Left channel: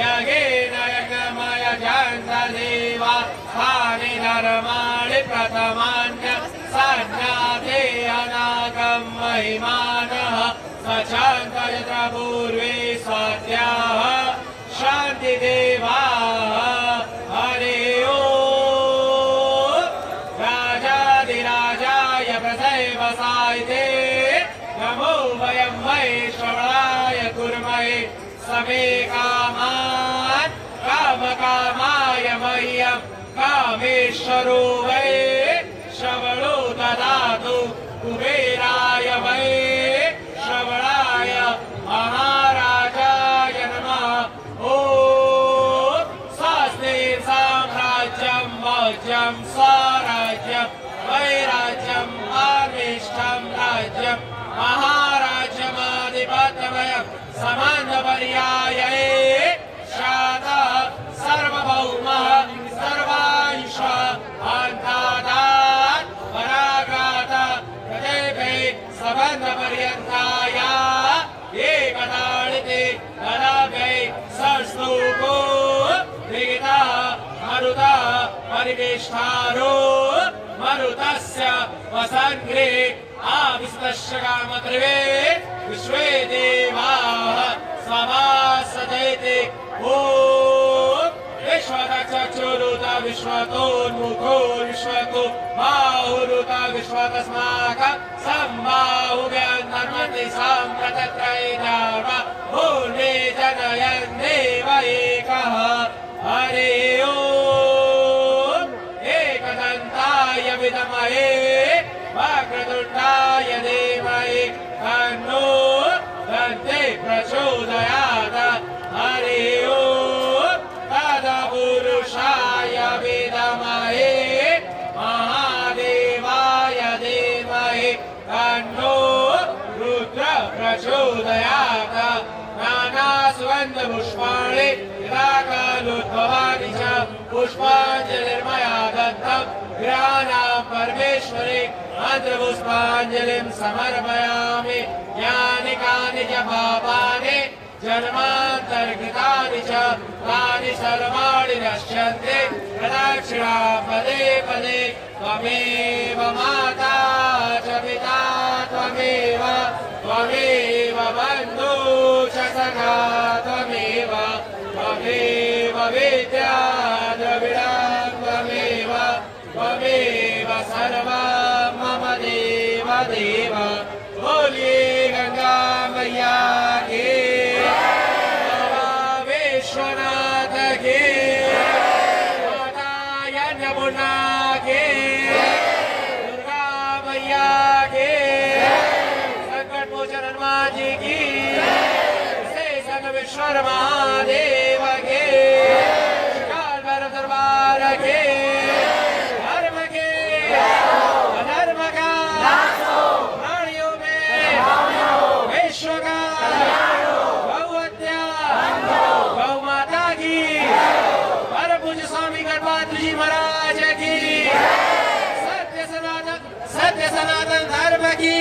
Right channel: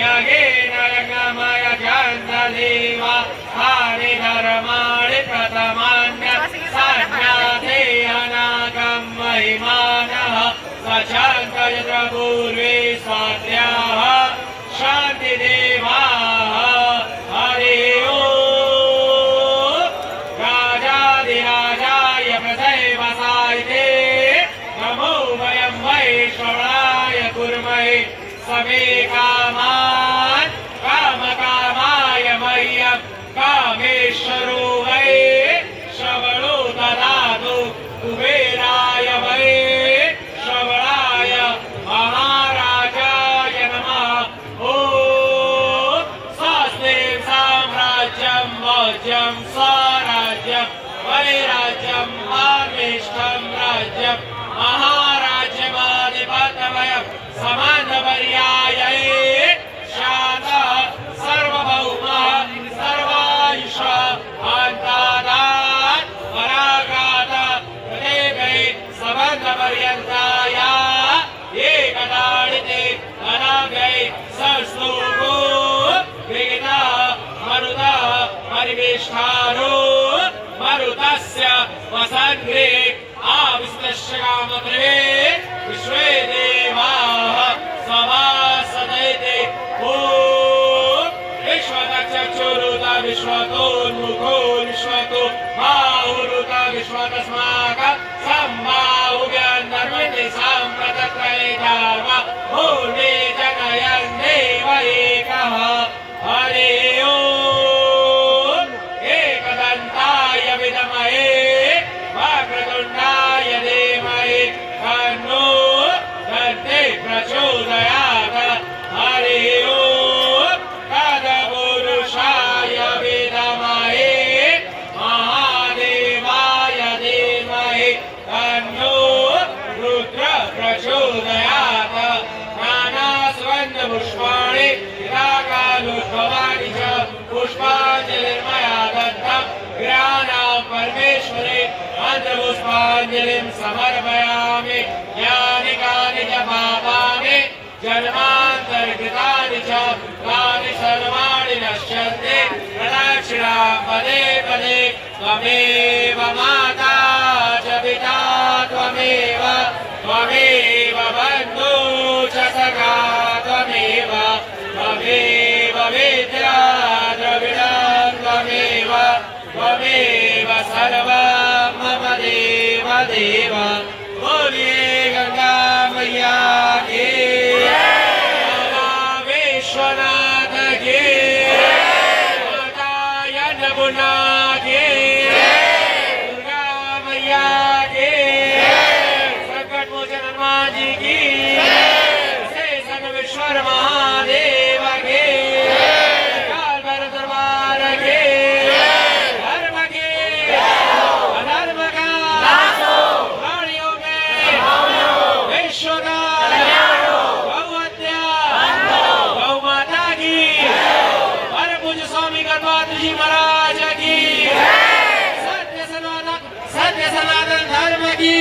यज्ञेन यज्ञमय जन्तदेवा स्थानि धर्माणि प्रथमान्य सज्ञाते अनागं महिमानः सचन्त यत्र पूर्वे स्वाद्याः शान्तिदेवाः हरि ओम् राजाधिराजाय प्रथैवसायिते नमो वयं वैश्रवणाय कुर्महे समे कामान् कामकामाय मह्यं कामेश्वरो वै श्रवणो ददातु कुबेराय वै श्रवणाय महाराजाय नमः ॐ स्वस्ति साम्राज्यं वज्रं स्वराज्यं वैराज्यं परमेष्ठं राज्यं महाराज्यमाधिपत्यमयं समानपर्याये शातः सर्वभौमः सर्वायुषः अन्तादात् परागातः प्रत्येके सबन्धपर्यन्ताया एकदाडिते अनागै संस्तूको विगितः मरुतः परिवेष्टारो मरुतस्य वसन्ते आविस्तस्य कामपृवे विश्वे देवाः समासजयते ॐ विश्वतश्चक्षुरुत विश्वतोन्मुखो विश्वतो बाहुरुत विश्वतस्माकं सम्बाहुव्यन्तर्वते साम्प्रतत्रैधाव भूमे जनयन् देव एकः हरि ओम् एकदन्ताय विद्महे वक्रतुण्डाय धीमहि तन्नो दन्ते प्रचोदयात् हरि ओम् तत्पुरुषाय विद्महे महादेवाय धीमहि तन्नो रुद्र प्रचोदयात् नानासुगन्धपुष्पाणि निराकारोद्भवानि च पुष्पाञ्जलिर्मया दत्तं गिराणां परमेश्वरे मन्त्रपुष्पाञ्जलिं समर्पयामि यानि कानि च पापानि जन्मान्तरकृतानि च तानि सर्वाणि नश्यन्ति प्रदक्षिणां पदे पदे त्वमेव माता च पिता त्वमेव बन्धु च सखा त्वमेव विद्या द्रविणं त्वमेव सर्वं मम देव देव बोलिए गंगा मैया की विश्वनाथ की माता यमुना की दुर्गा मैया की संकट मोचन हनुमान जी की शेषन विश्वर महादेव की काल भैरव दरबार की धर्म की अधर्म का प्राणियों में विश्व का गौ हत्या गौ माता की परम पूज्य स्वामी गणपत जी महाराज की सत्य सनातन धर्म की